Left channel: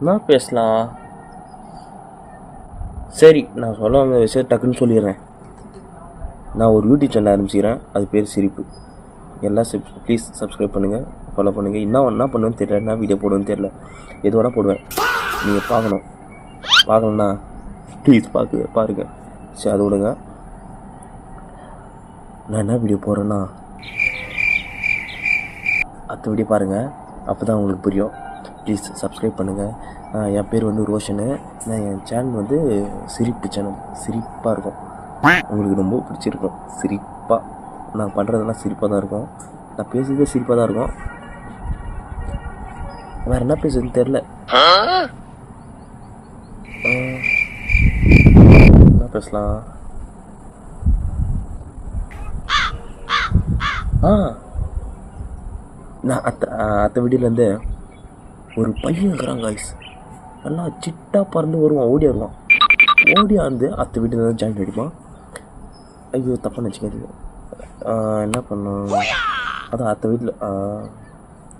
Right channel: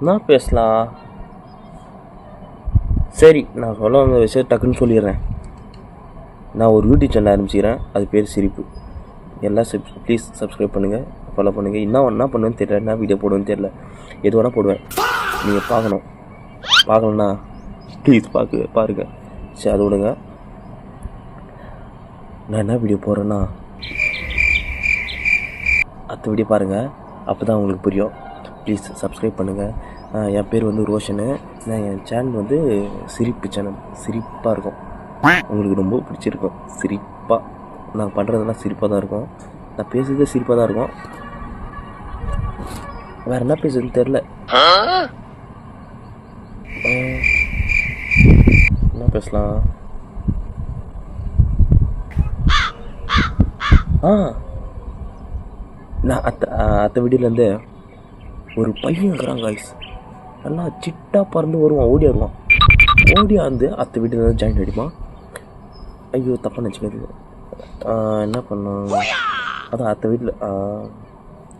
என்ன பேசலாம்? சரி, நான் சொல்ல வந்த விஷயம் டக்குன்னு சொல்லிடுறேன். நான் ஒரு யூடியூப் சேனல் ஆரம்பிச்சிக்கிறேன். அது பேர் சிரிப்பு. எல்லாம் ப்ளீஸ் சப்ஸ்கிரைப் பண்ணுங்கள், ஃபாலோ பண்ணுங்கள். என்ன பண்ணுவேன்னு தெரியல, என்ன வீடியோ போடுவேன்னு தெரியல. எது வேணால் போடுவேன், நீங்கள் பார்க்கணும். பார்க்கலண்ணா ப்ளீஸ் பாருங்கள். சரி, அதை விடுங்க. நான் என்ன வீடியோ போடுறேன்னா அடுத்த வீடியோ பாருங்கள், அப்போ தான் உங்களுக்கு புரியும். ப்ளீஸ் சப்ஸ்கிரைப் பண்ணுங்கள். என் பேர் வந்து ரோஷனு. நான் என் சேனல் வந்து சிரிப்பு சேனல். சிரிப்பாக இருக்கும், உங்களுக்கு ரொம்ப பிடிச்சிருக்கும். சிரிப்பாக நான் பண்ணுறதெல்லாம் சிரிப்பாக தான் இருக்கும். நான் பேசுகிறதே சிரிப்பாக தான் இருக்கும். வேறு என்ன பேசுறதுன்னு தெரில. என்ன பேசலாம்? நான் அத்த வீடியோலேருந்து ஒரு பையன் இருக்கிறான் காய்ஸ். நல்லா சிட்டாக பறந்து வருவான், ஓடி வருவான். ஓடியா வந்து அத்த வீட்டில் ஜாயின் அடிப்பான். ஐயோ தப்பாக நினச்சிக்காது. என்ன பண்ணோம், அதான் அத்த வீட்டில்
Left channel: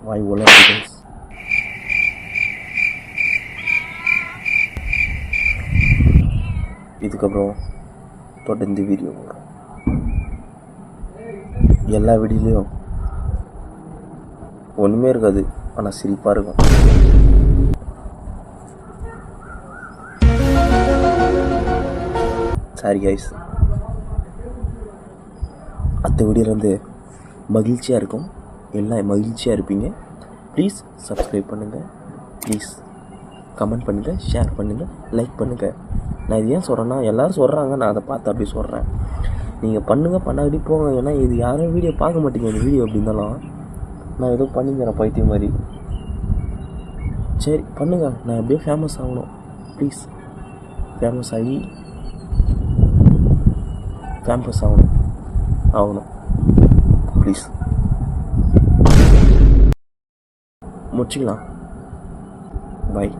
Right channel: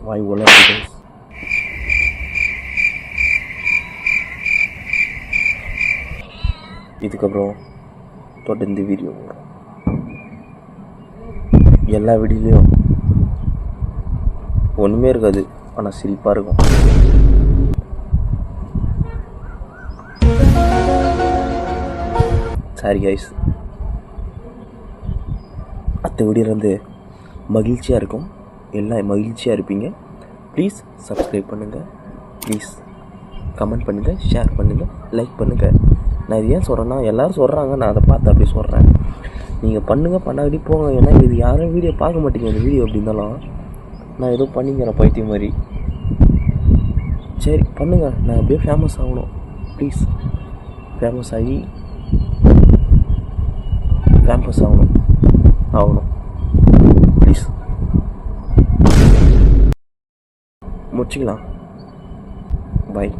வாய் ஒல. இதுக்கப்புறம் தொடர்ந்து வீடியோ வரும். எல்லா வீடியோலையும் ஒன்றுமே இருக்காது, ஆனால் சிரிப்பாக இருக்கும். Sorry guys. அடுத்த வீடியோலேருந்து மகிழ்ச்சியாக இருக்கும், எல்லாம் மகிழ்ச்சியாக இருப்பீங்க. ப்ளீஸ் சப்ஸ்கிரைப் பண்ணுங்கள், ப்ளீஸ் கமெண்ட் பண்ணுங்கள், ஷேர் பண்ணுங்கள், லைக் பண்ணுங்கள். நான் இது ஏன் சொல்கிறேன்னா, எல்லோரும் சொல்கிறாங்க, நான் அதை பார்த்து அப்படி சொல்கிறேன். நீங்கள் பண்ணுங்கள், பண்ணாடி போங்க. ஏன்னா இது யாரும் வீடியோ பார்க்க மாட்டீங்க. இந்த வீடியோ எப்படி இருந்தாலும் நான் ஏதோ பண்ணிக்கிறேன் பைத்தியம் மாதிரி. சரி பண்ணுங்கள், நான் அப்படியே ஃபேமஸ் ஆகணும். ப்ளீஸ் ஃபேமஸ் ஆகணும் ப்ளீஸ். முடிச்சிக்கலாம். பாய்.